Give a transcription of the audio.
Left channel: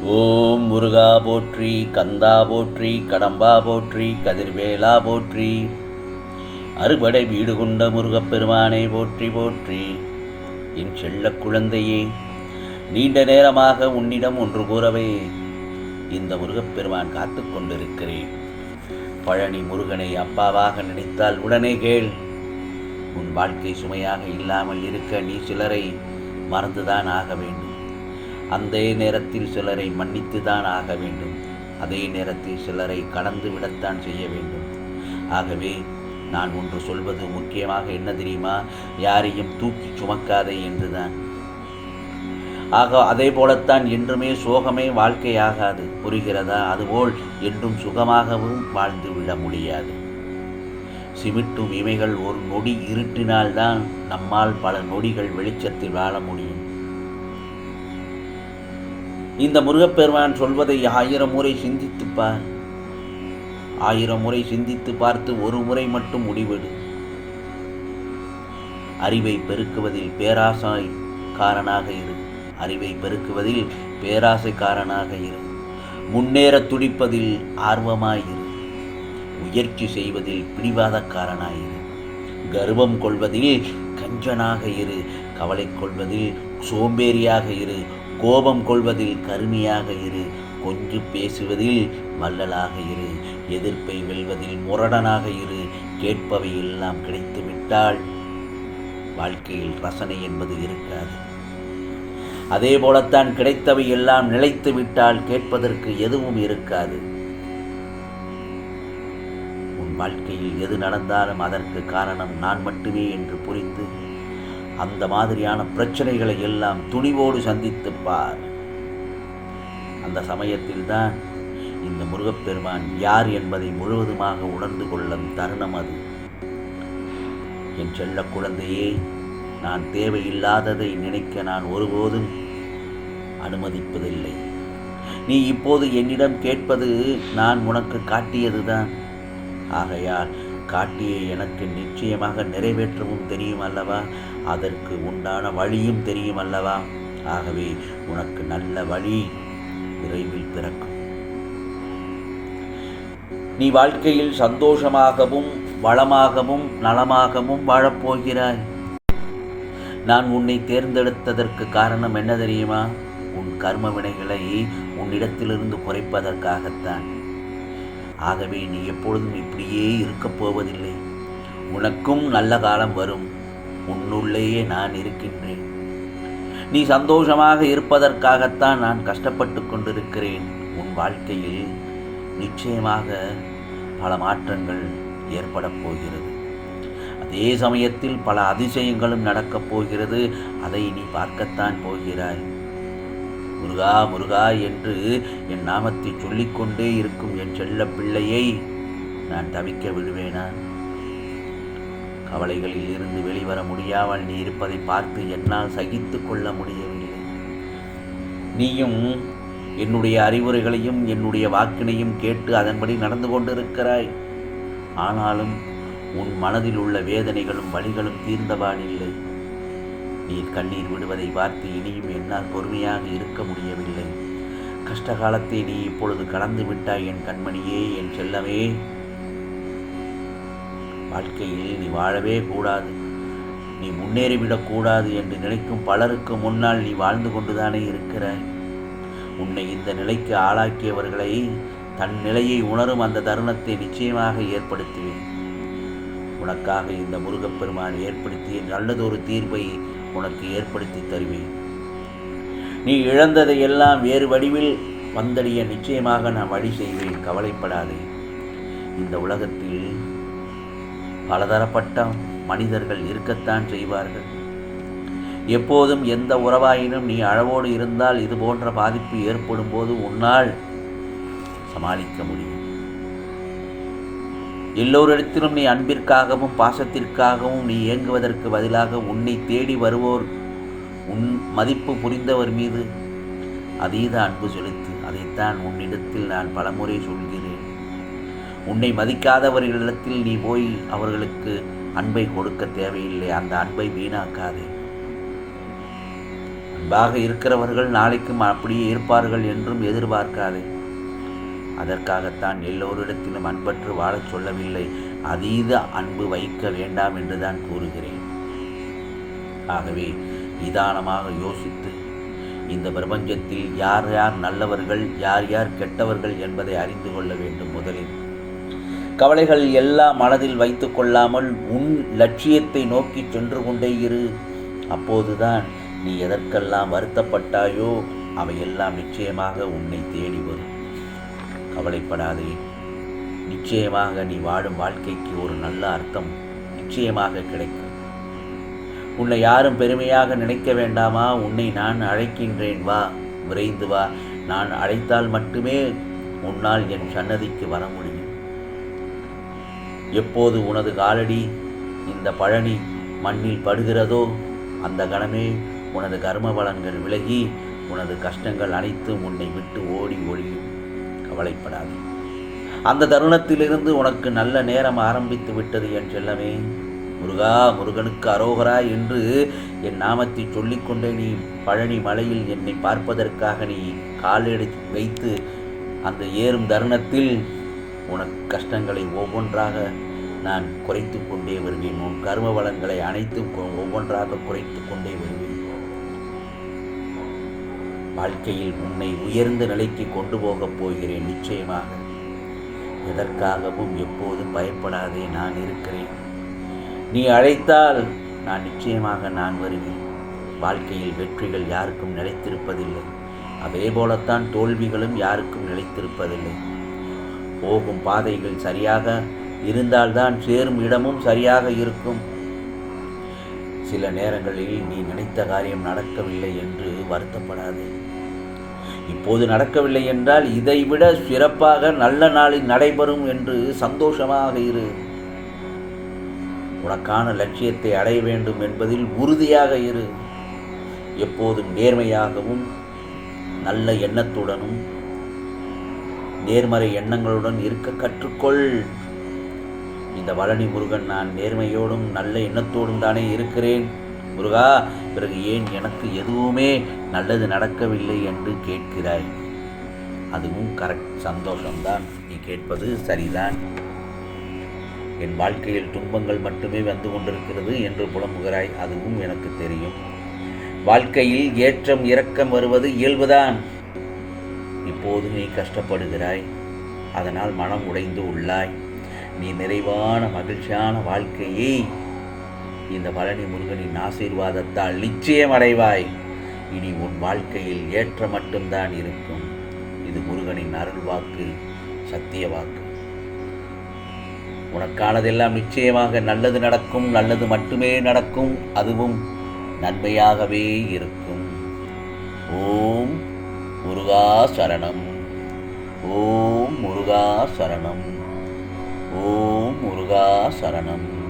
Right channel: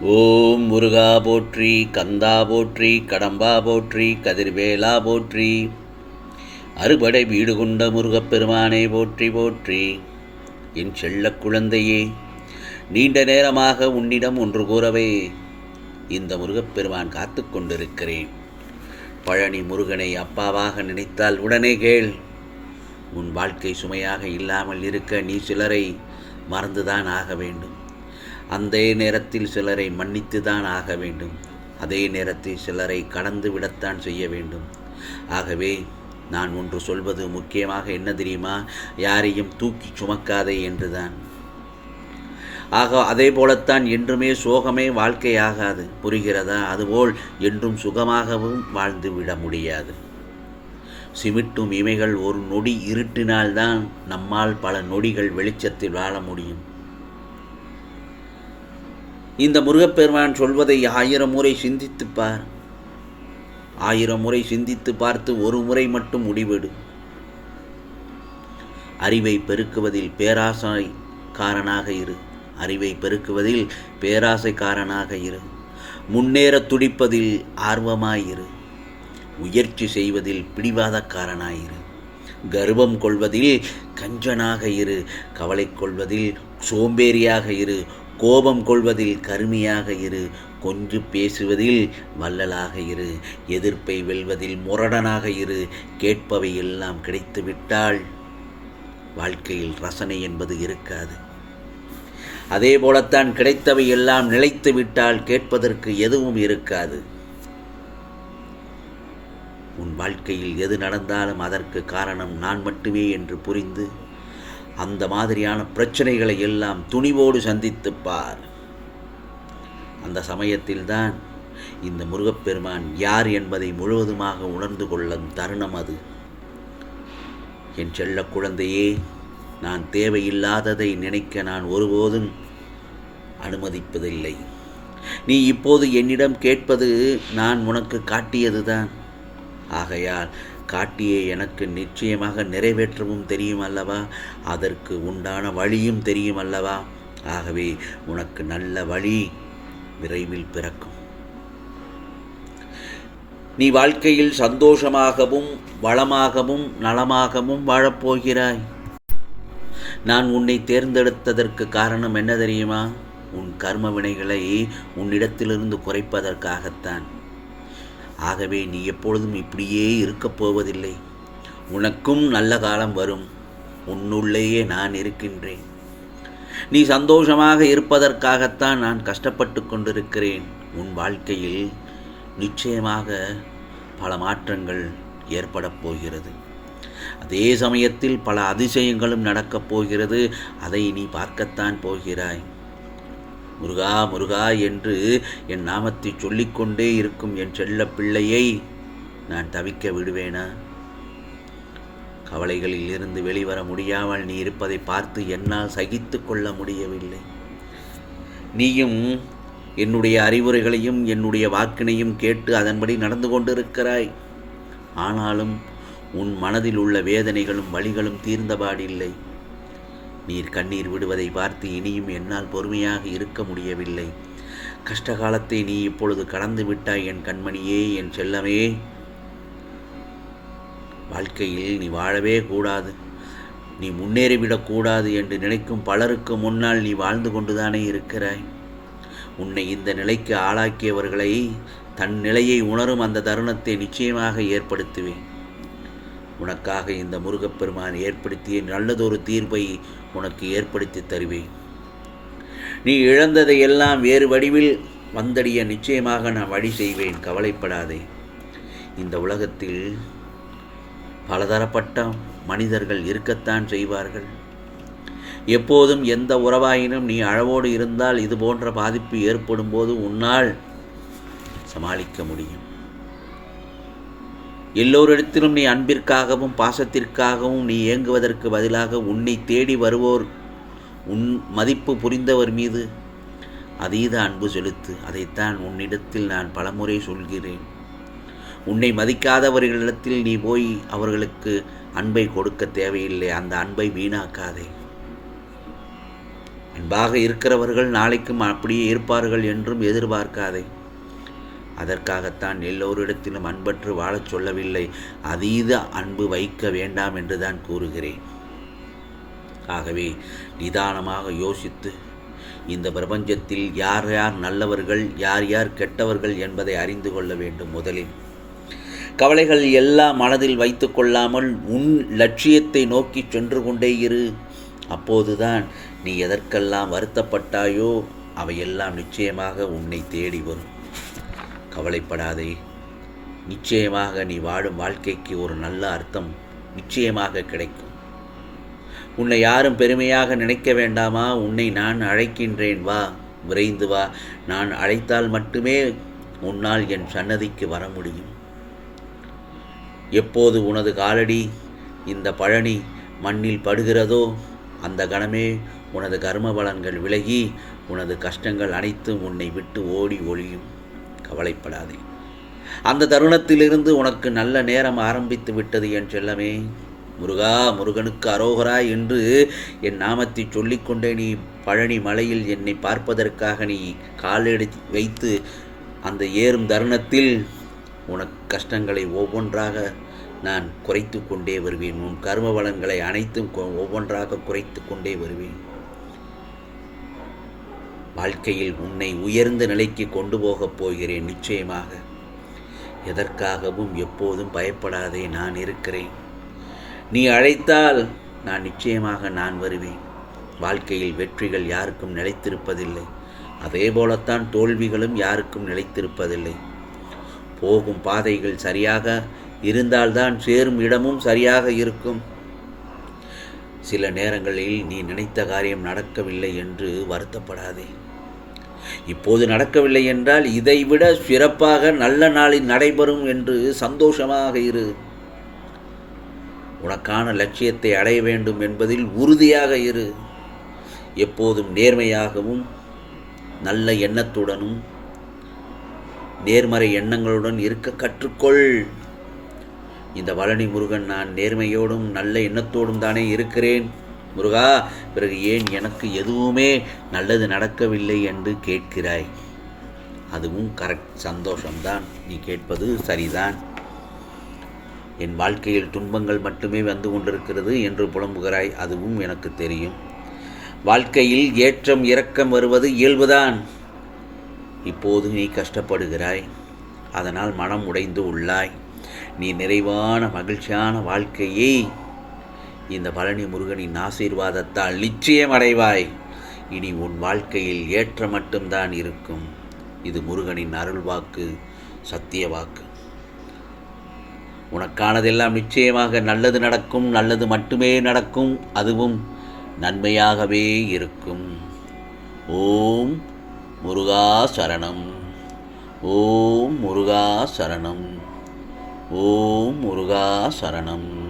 ஓம் முருகா போற்றி கந்தா போற்றி கடம்பா போற்றி கதிர்வேலா போற்றி. அறுபடை வீடு கொண்ட முருகப்பெருமானை போற்றி போற்றி. என் செல்லக் குழந்தையே நீண்ட நேரமாக உன்னிடம் ஒன்று கூறவே இந்த முருகப்பெருமான் காத்து கொண்டிருக்கிறேன். பழனி முருகனை அப்பாவாக நினைத்தால் உடனே கேள். உன் வாழ்க்கை சுமையாக இல்லாமல் இருக்க நீ சிலரை மறந்துதான் ஆக வேண்டும். அந்த நேரத்தில் சிலரை மன்னித்து தான் ஆக வேண்டும். அதே நேரத்தில் சிலரை கடந்து விடத்தான் செய்ய வேண்டும். ஆகவே நான் ஒன்று சொல்வது முக்கியமாக என்ன தெரியுமா? யாரையும் தூக்கி சுமக்காதே என்றுதான். ஆக அதே போலத்தான் என்றுமே சோகமே வாழ்க்கையாகாது. புரிகிறதா? அதுபோல் என்றும் சுகமாகவும் வாழ்ந்து விட முடியாது. சிமிட்டும் இமைகள் ஒரு நொடி இருட்டினால்தான் நம்மால் பல நொடிகள் வெளிச்சத்தில் வாழ முடியும். இந்த முருகப்பெருமான் சொல்வதை ஆயிரம் முறை சிந்தித்துப் பார். ஆயிரம் முறை சிந்தித்து பார்த்து ஒரு முறை மட்டும் முடிவெடு. அறிவை பெருக்குவதில் பேராசை காரனாக இரு. அறிவை பெருக்குவதில் பேராசைக்காரனாக இரு. முன்னேற துடிப்பதில் ஆர்வமாயிரு முயற்சி செய்வதில் பிடிவாதக்காரனாயிரு கர்வம் கொள்வதில் கஞ்சனாக இரு. கவலை கொள்வதில் சோம்பேறியாக இரு. கோபம் கொள்வதில் கருமையாக இரு. கொஞ்சு பேசுவதில் வள்ளலாக இரு. எதிர்ப்பை வெல்வதில் முரடனாக இரு. கேட்பவை எல்லாம் கிடைத்துவிட்டால் வாழ்க்கையில் ரசனை என்பது இருக்காது. அதே போலத்தான் கிடைத்தவை எல்லாம் நிலைத்து விட்டால் கேட்பதற்கு எதுவும் இருக்காது. உன் வாழ்க்கையில் எது நடந்தாலும் அதற்கு காரணம் நான் மட்டுமே என்று புரிந்து அந்த மாதிரியான பிரச்சனைகளை எல்லாம் துணிவோடு சந்தித்துப்பார் அந்த சமயத்தில்தான் இந்த முருகப்பெருமான் யார் என்பதை முழுவதுமாக உணர்ந்து கொள்ளும் தருணம் அது. என் செல்ல குழந்தையே நான் தேவையில்லாததை நினைக்க நான் ஒருபோதும் அனுமதிப்பதில்லை. நீ இப்போது என்னிடம் கேட்பது நான் உனக்கு காட்டியதுதான். ஆகையால் காட்டியே எனக்கு நிச்சயமாக நிறைவேற்றவும் தெரியும் அல்லவா? அதற்கு உண்டான வழியும் தெரியும் அல்லவா? ஆகவே உனக்கு நல்ல வழி விரைவில் பிறக்கும். நீ வாழ்க்கையில் சந்தோஷமாகவும் வளமாகவும் நலமாகவும் வாழப்போகிறாய். நான் உன்னை தேர்ந்தெடுத்ததற்கு காரணம் என்ன தெரியுமா? உன் கர்ம வினைகளை உன்னிடத்திலிருந்து குறைப்பதற்காகத்தான். ஆகவே நீ எப்பொழுதும் இப்படியே இருக்கப் போவதில்லை. உனக்கும் நல்ல காலம் வரும். உன்னுள்ளேயே நான் இருக்கின்றேன். நீ சந்தோஷமாக இருப்பதற்காகத்தான் நான் கஷ்டப்பட்டு கொண்டிருக்கிறேன். உன் வாழ்க்கையில் நிச்சயமாக பல மாற்றங்கள் ஏற்படப் போகிறது. அதே சமயத்தில் பல அதிசயங்களும் நடக்கப் போகிறது. அதை நீ பார்க்கத்தான் போகிறாய். முருகா முருகா என்று என் நாமத்தை சொல்லிக்கொண்டே இருக்கும் என் செல்ல பிள்ளையை நான் தவிக்க விடுவேனா? கவலைகளில் இருந்து வெளிவர முடியாமல் நீ இருப்பதை பார்த்து என்னால் சகித்து கொள்ள முடியவில்லை. நீயும் என்னுடைய அறிவுரைகளையும் என்னுடைய வாக்கினையும் கேட்டு அதன்படி நடந்து கொண்டிருக்கிறாய். ஆனாலும் உன் மனதில் உள்ள வேதனைகளும் வழிகளும் தீர்ந்தபாடில்லை. நீர் கண்ணீர் விடுவதை பார்த்து இனியும் என்னால் பொறுமையாக இருக்க முடியவில்லை. கஷ்டகாலத்தை நீ இப்பொழுது கடந்து விட்டாய் என் கண்மணியே என் செல்லமே. வாழ்க்கையில் நீ வாழவே கூடாது. நீ முன்னேறிவிடக்கூடாது என்று நினைக்கும் பலருக்கு முன்னால் நீ வாழ்ந்து கொண்டுதானே இருக்கிறாய். உன்னை இந்த நிலைக்கு ஆளாக்கியவர்களை தன் நிலையை உணரும் அந்த தருணத்தை நிச்சயமாக ஏற்படுத்துவேன். உனக்காக இந்த முருகப்பெருமான் ஏற்படுத்திய நல்லதொரு தீர்வை உனக்கு ஏற்படுத்தி தருவேன். நீ இழந்ததை எல்லாம் வேறு வடிவில் வந்தடைய நிச்சயமாக நான் வழி செய்வேன். கவலைப்படாதே. இந்த உலகத்தில் பலதரப்பட்ட மனிதர்கள் இருக்கத்தான் செய்வார்கள். எப்போதும் எந்த உறவாயினும் நீ அளவோடு இருந்தால் இது போன்ற பாதிப்பு ஏற்படும் போது உன்னால் சமாளிக்க முடியும். எல்லோரிடத்திலும் நீ அன்பிற்காகவும் பாசத்திற்காகவும் நீ இயங்குவதற்கு பதிலாக உன்னை தேடி வருவோர் உன் மதிப்பு புரிந்தவர் மீது அதீத அன்பு செலுத்து. அதைத்தான் உன்னிடத்தில் நான் பலமுறை சொல்கிறேன். உன்னை மதிக்காதவர்களிடத்தில் நீ போய் அவர்களுக்கு அன்பை கொடுக்க தேவையில்லை. அந்த அன்பை வீணாக்காதே. அன்பாக இருக்கிறவர்கள் நாளைக்கும் அப்படியே இருப்பார்கள் என்றும் எதிர்பார்க்காதே. அதற்காகத்தான் எல்லோரிடத்திலும் அன்பற்று வாழச் சொல்லவில்லை. அதீத அன்பு வைக்க வேண்டாம் என்றுதான் கூறுகிறேன். ஆகவே நிதானமாக யோசித்து இந்த பிரபஞ்சத்தில் யார் யார் நல்லவர்கள் யார் யார் கெட்டவர்கள் என்பதை அறிந்து கொள்ள வேண்டும் முதலில். கவலைகள் எல்லாம் மனதில் வைத்து கொள்ளாமல் உன் லட்சியத்தை நோக்கி சென்று கொண்டே இரு. அப்போதுதான் நீ எதற்கெல்லாம் வருத்தப்பட்டாயோ அவையெல்லாம் நிச்சயமாக உன்னை தேடி வரும். கவலைப்படாதே. நிச்சயமாக நீ வாழும் வாழ்க்கைக்கு ஒரு நல்ல அர்த்தம் நிச்சயமாக கிடைக்கும். உன்னை யாரும் பெருமையாக நினைக்க வேண்டாமா? உன்னை நான் அழைக்கின்றேன். வா விரைந்து வா. நான் அழைத்தால் மட்டுமே உன்னால் என் சன்னதிக்கு வர முடியும். எப்போது உனது காலடி இந்த பழனி மண்ணில் படுகிறதோ அந்த கணமே உனது கர்ம பலன்கள் விலகி உனது கஷ்டங்கள் அனைத்தும் உன்னை விட்டு ஓடி ஒளியும் கவலைப்படாதே. அந்த தருணத்திலிருந்து உனக்கு நல்ல நேரம் ஆரம்பித்து விட்டது என் செல்லமே. முருகா முருகனுக்கு அரோகரா என்று என் நாமத்தை சொல்லிக்கொண்டே நீ பழனி மலையில் என்னை பார்ப்பதற்காக நீ காலெடுத்து வைத்து அந்த ஏறும் தருணத்தில் உனக்கு கஷ்டங்களை ஒவ்வொன்றாக நான் குறைத்து கொண்டே வருவேன். உன் கர்ம வளங்களை அனைத்தும் கொ- ஒவ்வொன்றாக குறைத்து கொண்டே வருவேன். வாழ்க்கையில் உன்னை உயர்ந்த நிலைக்கு கொண்டு போகப் போகிறேன் நிச்சயமாக. எதற்காகவும் எப்போதும் பயப்படாதே நான் இருக்கிறேன். நீ அழைத்தால் நான் நிச்சயமாக நான் வருவேன். வாழ்க்கையில் வெற்றிகள் யாருக்கும் நிலைத்திருப்பதில்லை. அதே போலத்தான் தோல்விகளும் யாருக்கும் நிலைத்திருப்பதில்லை. போகும் பாதைகள் சரியாக இருந்தால்தான் சேரும் இடமும் சரியாக இருக்கும். சில நேரங்களில் நீ நினைத்த காரியம் நடக்கவில்லை என்று வருத்தப்படாதே. இப்போது நடக்கவில்லை என்றால் இதைவிட சிறப்பாக நல்ல நாளில் நடைபெறும் என்று சந்தோஷமாக இரு. உனக்கான லட்சியத்தை அடைய வேண்டும் என்பதில் உறுதியாக இரு. எப்போதும் நேர்மையாகவும் நல்ல எண்ணத்துடனும் நேர்மறை எண்ணங்களுடன் இருக்க கற்றுக்கொள். இந்த வளனி முருகன் நான் நேர்மையோடும் நல்ல எண்ணத்தோடும் தானே இருக்கிறேன். முருகா பிறகு ஏன் எனக்கு எதுவுமே நல்லது நடக்கவில்லை என்று கேட்கிறாய்? அதுவும் கரெக்ட் சந்தோஷம்தான். நீ கேட்பது சரிதான். என் வாழ்க்கையில் துன்பங்கள் மட்டுமே வந்து கொண்டிருக்கிறது என்று புலம்புகிறாய். அதுவும் எனக்கு தெரியும். வாழ்க்கையில் ஏற்றம் இறக்கம் வருவது இயல்புதான். இப்போது நீ கஷ்டப்படுகிறாய். அதனால் மனம் உடைந்து உள்ளாய். நீ நிறைவான மகிழ்ச்சியான வாழ்க்கையை இந்த பழனி முருகனின் ஆசீர்வாதத்தால் நிச்சயம் அடைவாய். இனி உன் வாழ்க்கையில் ஏற்ற மட்டும்தான் இருக்கும். இது முருகனின் அருள் வாக்கு சத்திய வாக்கு. உனக்கானதெல்லாம் நிச்சயமாக நல்லது நடக்கும் நல்லது மட்டுமே நடக்கும் அதுவும் நன்மையாகவே இருக்கும். ஓம் முருகா சரணம். ஓம் முருகா சரணம். ஓம் முருகா சரணம்.